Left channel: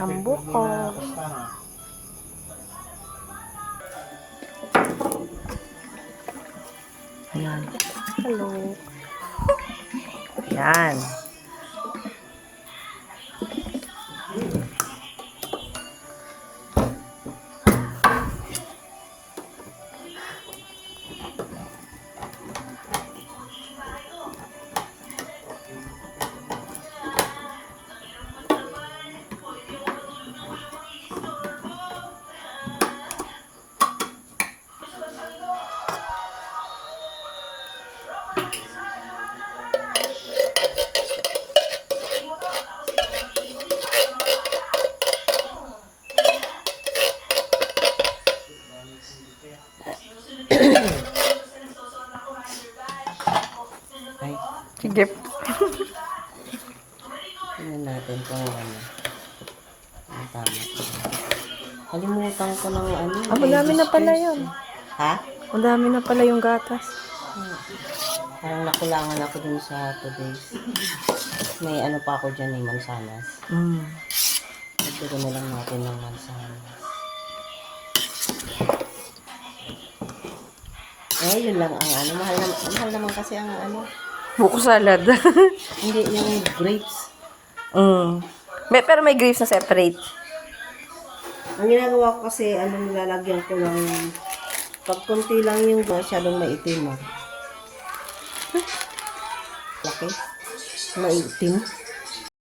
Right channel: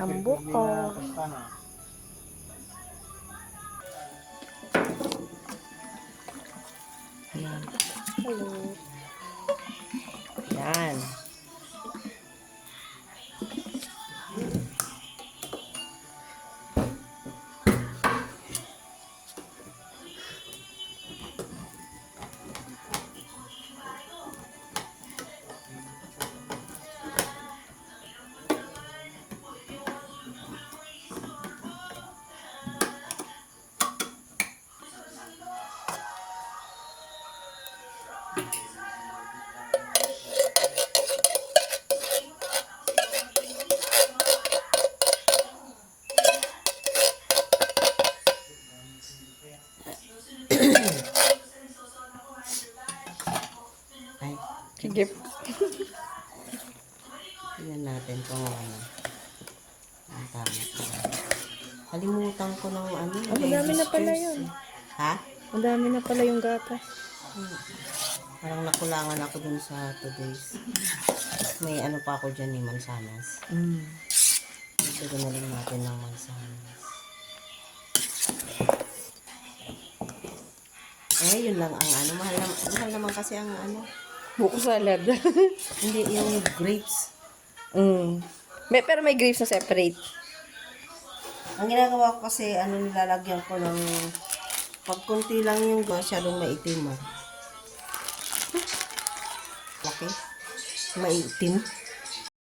Ang buko. Ayan. Hello. Ayan. Sige. Tingnan natin kung ano. Ang tama. Kalimutan ko ng ano. Ang dami na pala yun. Ha? Ang dami na pala yung gatas. Parang nakulangan ako dun sa today's. May ano pa ako dyan, mansanas. Ito na lang natin ng mansanas. Yun lang ang ano. Mahal naman kasi ang ano. Buko salad. Hindi, yung grapes. Pero may grapes na separate. Ang ginagawa ko kasi, nilalagyan ko ng pag konti lang yung masyadong maitim. Laki. Maitim.